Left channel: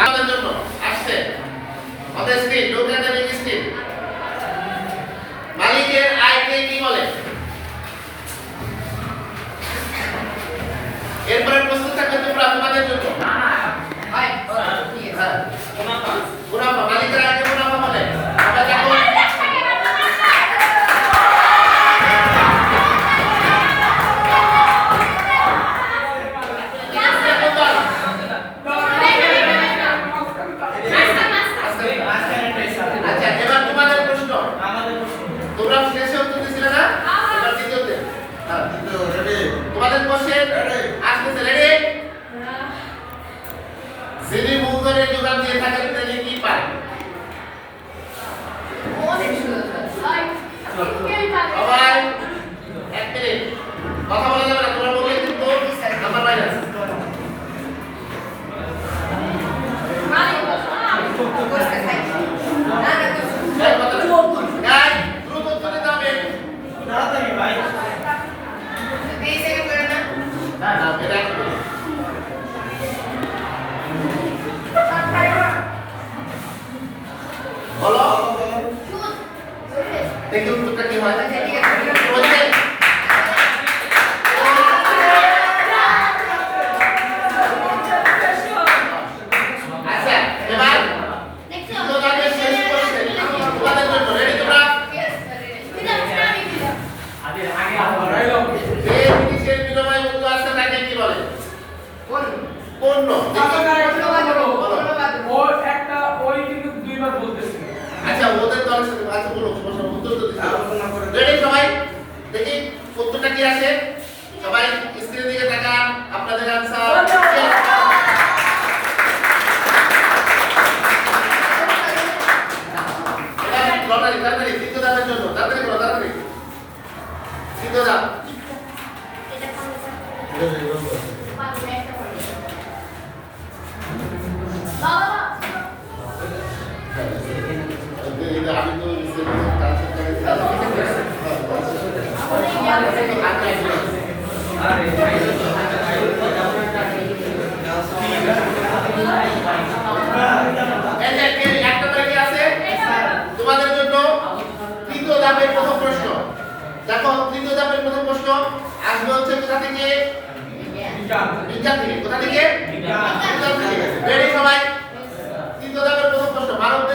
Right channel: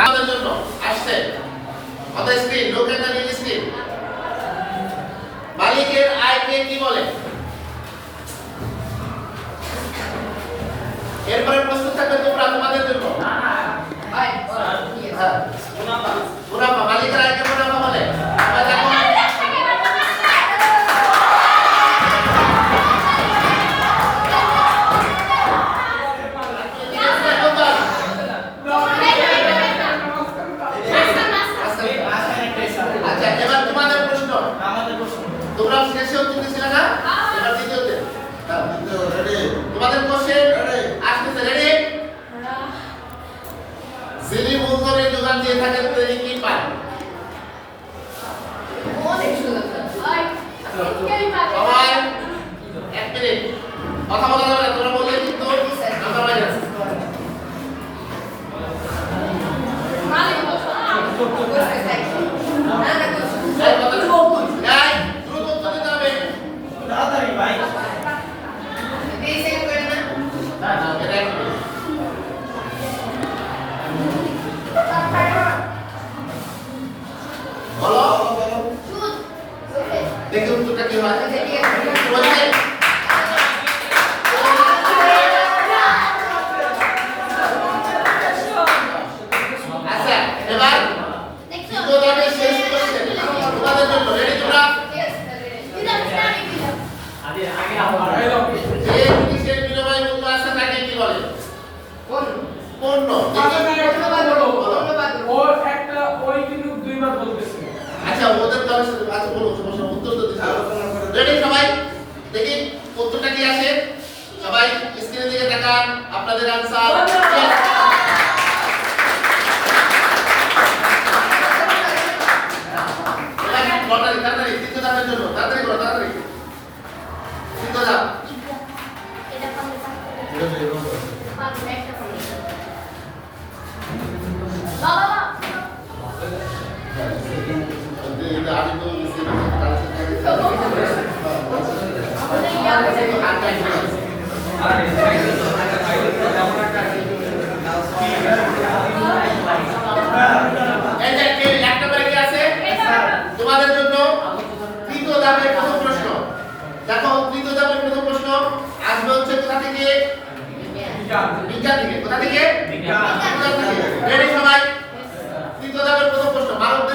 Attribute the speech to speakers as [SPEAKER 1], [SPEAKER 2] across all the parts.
[SPEAKER 1] আমাদের জন্য আসছে। কত স্ক্রিন লোক একাডেমিক স্ক্রিন মালিকের আয়কে কি বলে? তোমরা শেষে উত্তর দিছিলে না এবার দ্বিতীয়তে হ্যাঁ। তোমাদের কোশ্চেন আসতেছে রেডি যিনি মূলধনের যোগান দিয়ে থাকেন তিনি কি পান সবাই এক মিনিট কথা বলো দেখি উত্তরটা কি হয় বলছে আচ্ছা এবার দ্বিতীয় ধাপে শেষ কোশ্চেন তোমাদের জন্য রেডি তোমরা যে জিনিসের বিনিময় মূল্য আছে তাকে কি বলে পণ্য আচ্ছা উত্তরটা কি আছে? সবাই স্ক্রিনের দিকে তাকান আপনাদের আনসার ধাপের জন্য। তাড়াতাড়ি আমি তো তোমাদের জন্য তৃতীয় ধাপের প্রথম প্রশ্ন। দেখো তৃতীয় ধাপের প্রথম প্রশ্ন আসবে হচ্ছে কোথা থেকে? বিজ্ঞান। থেকে। কোথা থেকে? বিজ্ঞান। থেকে রেডি সবাই তৃতীয় ধাপের প্রথম প্রশ্ন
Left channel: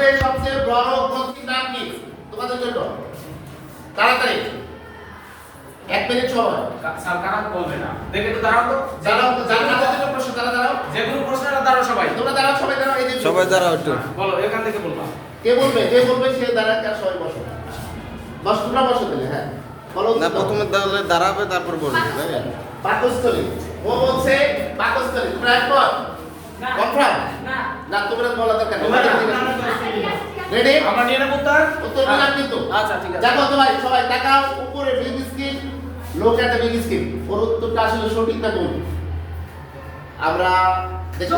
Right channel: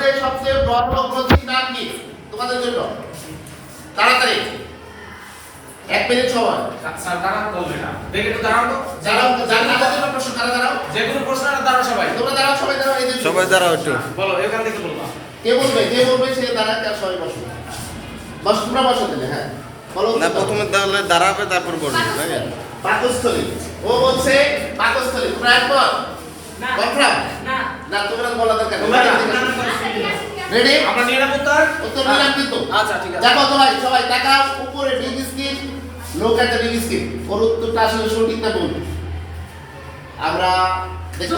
[SPEAKER 1] ভারতের সবচেয়ে বড় নাম কি? তোমাদের জন্য। তাড়াতাড়ি। এক মিনিট সময়। দাঁড়াও জানার জন্য প্রশ্ন তারা দাঁড়াও তোমরা দাঁড়াও সবাই দাঁড়াও এই দিকে।
[SPEAKER 2] সবাই দাঁড়াও একটু।
[SPEAKER 1] কে বলবে কে বলবে সে দাঁড়ায় তার সবাই বসো। বস তোমরা বসো তাহলে হ্যাঁ। বলো
[SPEAKER 2] না প্রথমে তাহলে দাঁড়াবে তারপর বলবে
[SPEAKER 1] পাকস্থলী। ও বলছে পাকস্থলী। তোমরা একমত? কনফার্ম না। তোমরা বলা দরকার রেডি উত্তর দিলাম কিন্তু।
[SPEAKER 3] আচ্ছা, ঠিক আছে।
[SPEAKER 1] দেখো সবাই সবাই তাকাও উপরে বিগ স্ক্রিন লোক একটা বিগ স্ক্রিন ওর উত্তরটা আসলে আমরা দেখো